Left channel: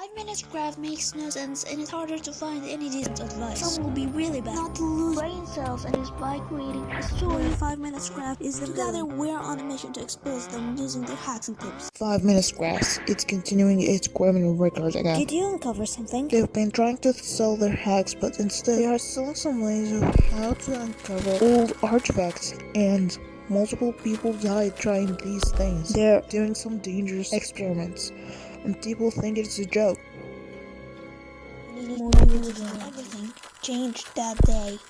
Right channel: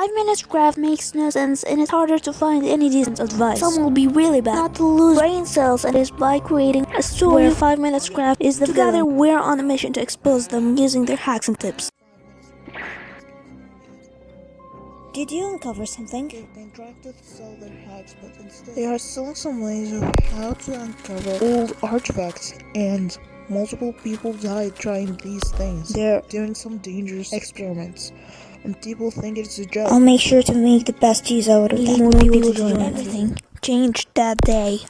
5 minutes craft makes no sense and it's harder to find any decent advice. Some will be really bad, not to lose brain cells, and is by creating a story where 5 minutes craft is the Together we're on a mission to expose them using their hacks and tips. 5 minutes crafts. It's continuing its criminal record again. Did you uncover something? They've been trying to sell their hacks, but instead they are selling some ways of how to uncover old artifacts, and multiple people died trying these things. They're doing some dangerous experiments, and people think it's a joke. I'll make sure to make the best use out of that. More people to join everything. Changed that day.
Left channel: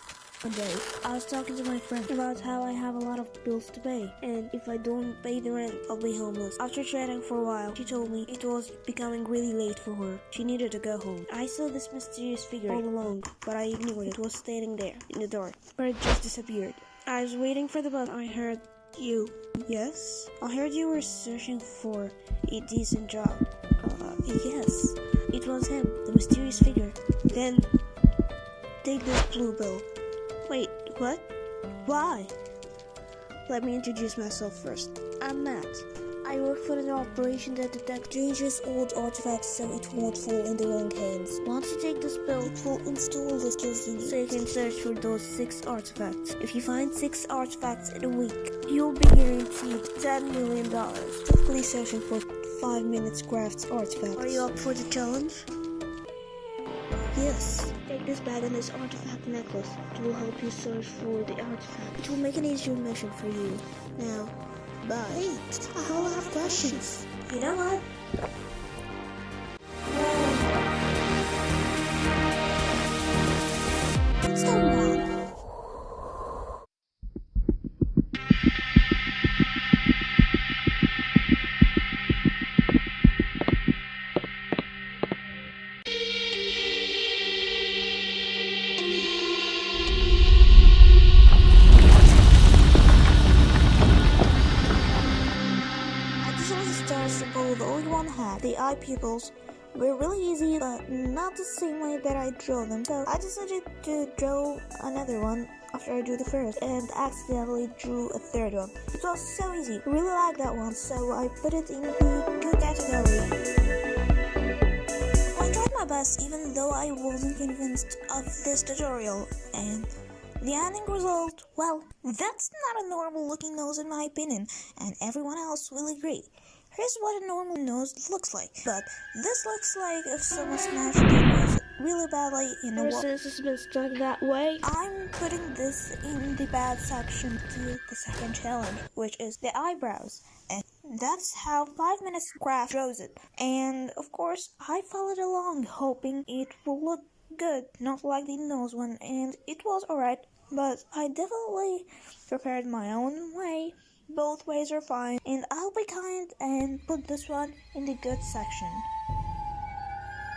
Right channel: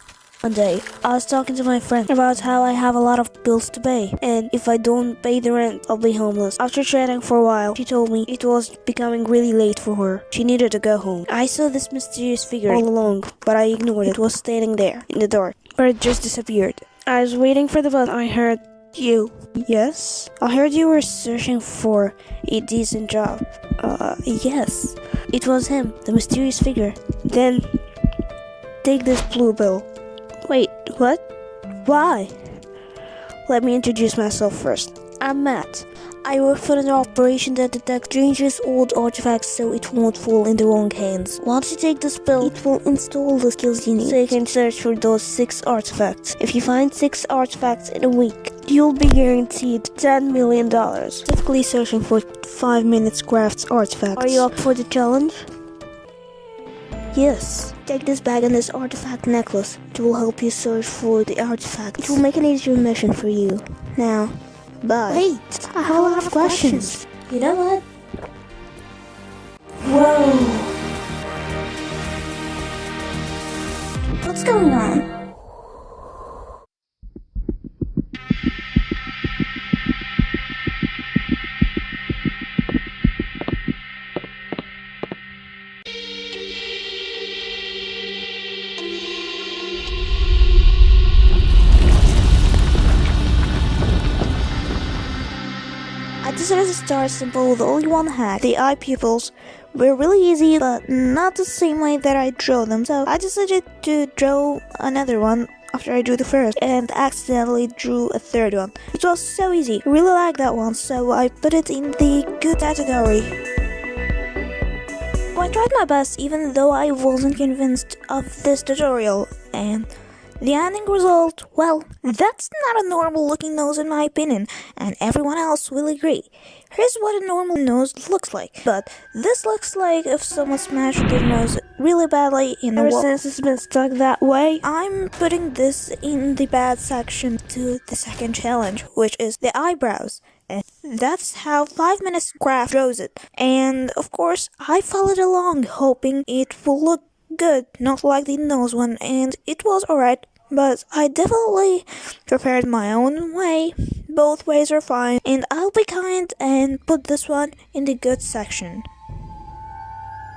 One day, I was talking to my friend about how I have a lot of bills to pay, and if I don't pay the rent, I'll be homeless. After chatting for a while, she told me it was becoming really late for her. She needed to go home. I saw this mysterious figure all along, but I ignored it. It was standing there, in the dark, but it just disappeared. I was waiting for the bus. I heard, "You." "Yes?" "I heard you were searching for a decent job." Yes." It was him, the mysterious figure. "Then, take this blue bill." "Wait, what? Why?" "Let me introduce myself first. I'm Matt. I work for an operation that detects dangerous old artifacts so it won't fall in the wrong hands. Once you take this bill, it will install the skills you need so you can search for those 6 artifacts. If you find 6 artifacts in a week, you'll be guaranteed $10 million. Typically searching for 5 minutes crafts artifacts. Are you up for the challenge? Yes. Take this bag and this artifact necklace. It will help you search for the artifacts. It will make an easier mission for you. Now, bye. Wait, I have a lot of questions. You know what? Whoa. What's going on? I decided to start simple with only one hack. The eye pupils were really easy, but not the same way that I drew them. So I decided to draw another one after I drew the first, and accidentally drew a third one. It was so easy. I really liked that one, so I put it in the good category. I tried my best even though I wasn't convinced of this tutorial, and the ending result, well, that's not a normal looking nose in my opinion, and everyone else will agree. Here's what a normal nose looks like, but this looks like if someone smashed their nose really badly in a wall. Since it's been stuck that way, I'm putting this in the bad section to the second challenge, which is the eyebrows. And that's how 5 minutes craft draws it. And of course, I followed along hoping it will look good, not like the nose one, and it was alright. But I definitely prepared my own way. Both ways are fine, and I'll be kind and put this one in the good section.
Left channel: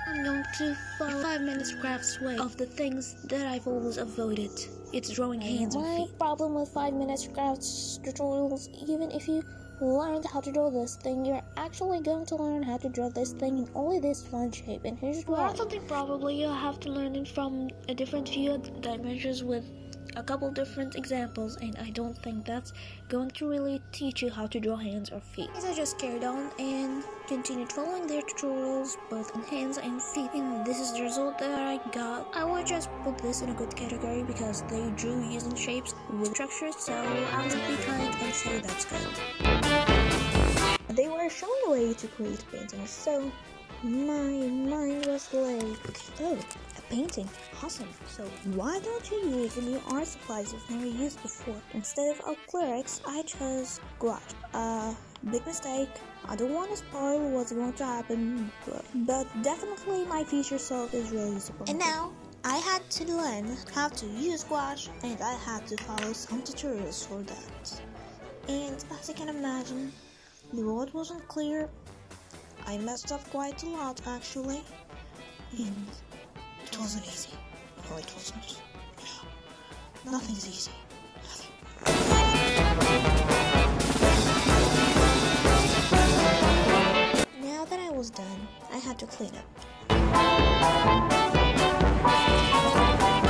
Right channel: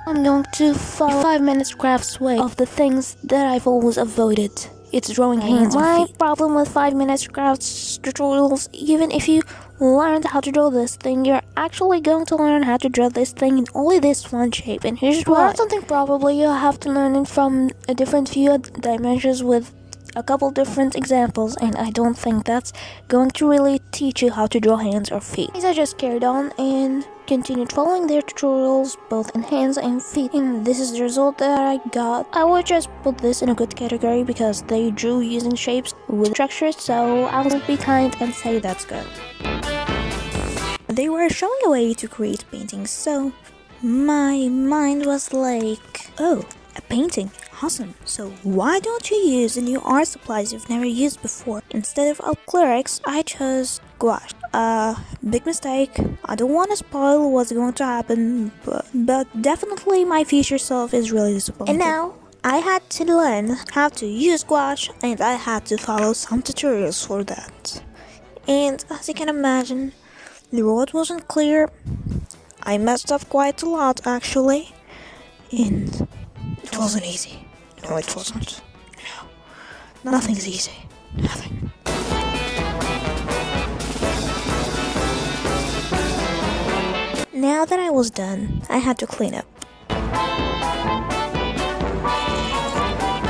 I'm going to follow 5 minutes craft's way of the things that I've always avoided. It's drawing hands and feet. My problem with 5 minutes crafts tutorials, even if you learned how to draw this thing, you're actually going to learn how to draw this thing in only this one shape, and here's why. Learn something probably you'll have to learn it from a different few dimensions with a couple different examples, and I don't think that's going to really teach you how to draw hands or feet. I just carried on and continued following their tutorials both in hands and feet, and this is the result that I got. I would just put this in a good category because they drew using shapes with structures, so I will be kind and say that's good. They were showing a way to create paintings, so my mind was like, oh, a painting, awesome. So why don't you use the new art supplies you've never used before? Instead of acrylics, I chose gouache. Big mistake. I don't want to spoil what's going to happen, but definitely my future self is really disappointed. And now, I had to learn how to use gouache, and I had to follow some tutorials for that. And as you can imagine, the road wasn't clear. I messed up quite a lot actually, and it wasn't easy. No, it wasn't. No. Nothing's easy. Nothing. Now that I was done, I had to clean up.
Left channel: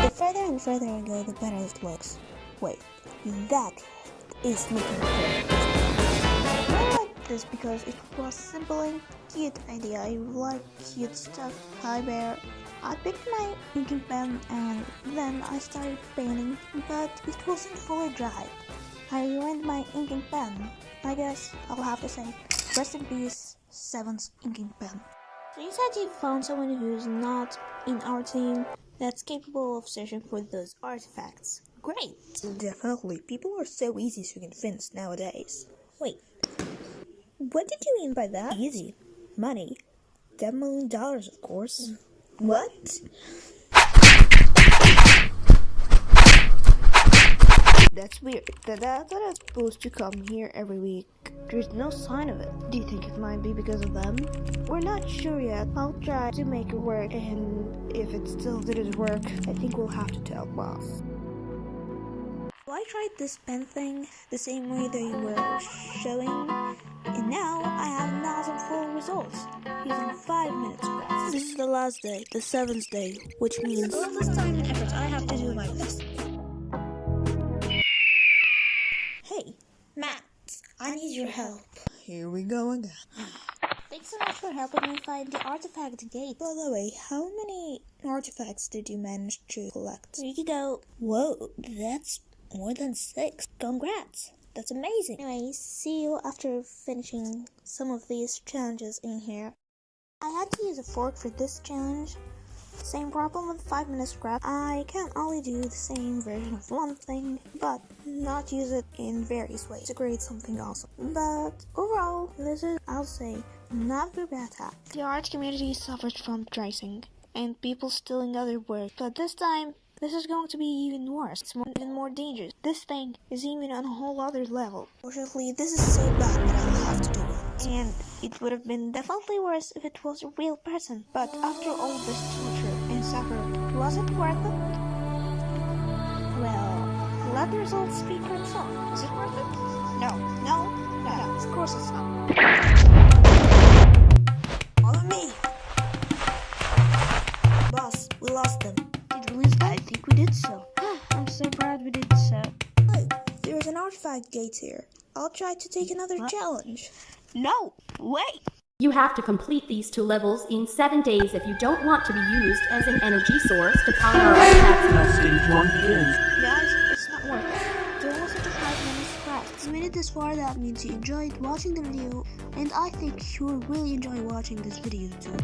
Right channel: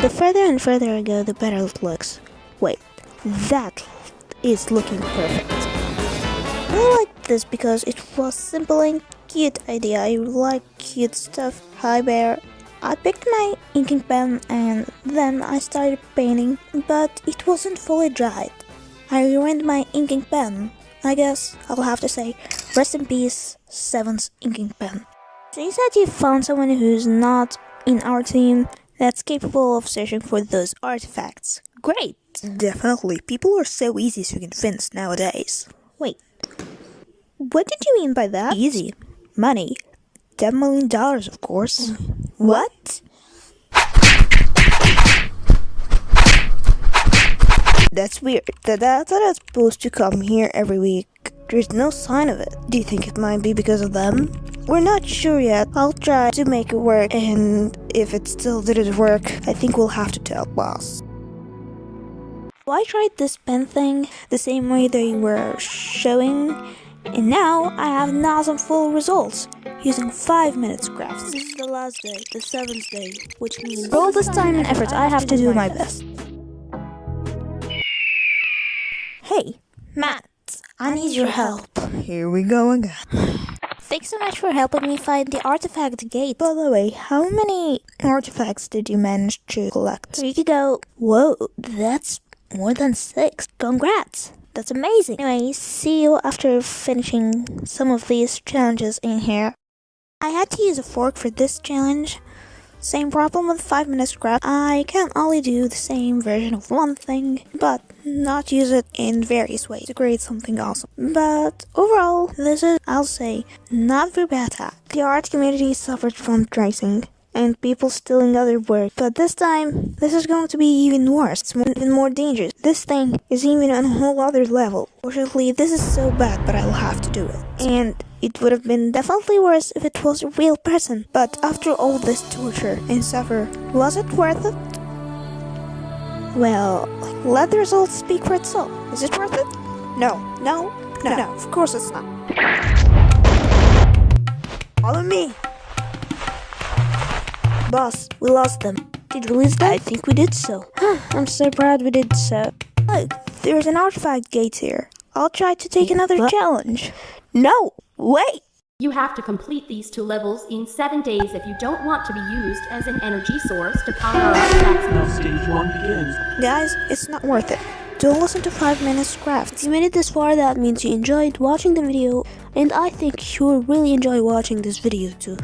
The further and further I go, the better it looks. Wait, that is looking perfect. I really like this because it was simple and cute idea. I like cute stuff. Hi, Bear. I picked my inking pen and then I started painting, but it wasn't fully dried. I ruined my inking pen. I guess I'll have to say, rest in peace, Seven's inking pen. So you said you found someone who's not in our team that's capable of searching for those artifacts. Great! Definitely, people are so easy to convince nowadays. Wait, what did you mean by that? Easy. Money. $10 million, of course. What? That's weird. The data is supposed to come here every week. There's no sign of it. Do you think it might be because of them? We're not sure yet. I'll try to make it work, and if it still didn't work, I think we'll have to tell boss. I tried this pen thing the same way they were showing, and now I have awesome full results using 5 minutes crafts. This is the last day, the 7th day, which means for all this time and effort I have to do my best. Hey, Matt, I need your help. Here we go again. Thanks so much for helping me find the artifact gate. By the way, how many artifacts did you manage to collect? 3 to go. Whoa, that's more than 6. Congrats! That's amazing. Anyway, see you after finishing some of these challenges in here. I had to use a fork for this challenge. Same problem with 5 minutes craft. I can only do the same version of one thing, but not use it in various ways to create something awesome. But overall, this is, I'll say, not very bad hack. The art community suffered from tracing and people stealing other work, but this time, this is going to be even worse. It's even more dangerous. This thing is even on a whole other level. Fortunately, this is so bad, but I'll have to do it. And it would have been definitely worse if it was a real person. But after all this torture and suffer, was it worth it? Well, let the results speak for itself. Is it worth it? No, of course it's not. Follow me. Boss, we lost them. Did we lose them? I think we did so. I'm so proud we did so. Look, there's an artifact gate here. I'll try to take another challenge. No, wait. You have to complete these 2 levels in 7 days if you don't want to be used as an energy source to power our artifacts. Now stage 1 begins. Guys, it's not worth it. Don't listen to 5 minutes crafts. If you made it this far, that means you enjoyed watching the video, and I think you'll really enjoy watching this video too.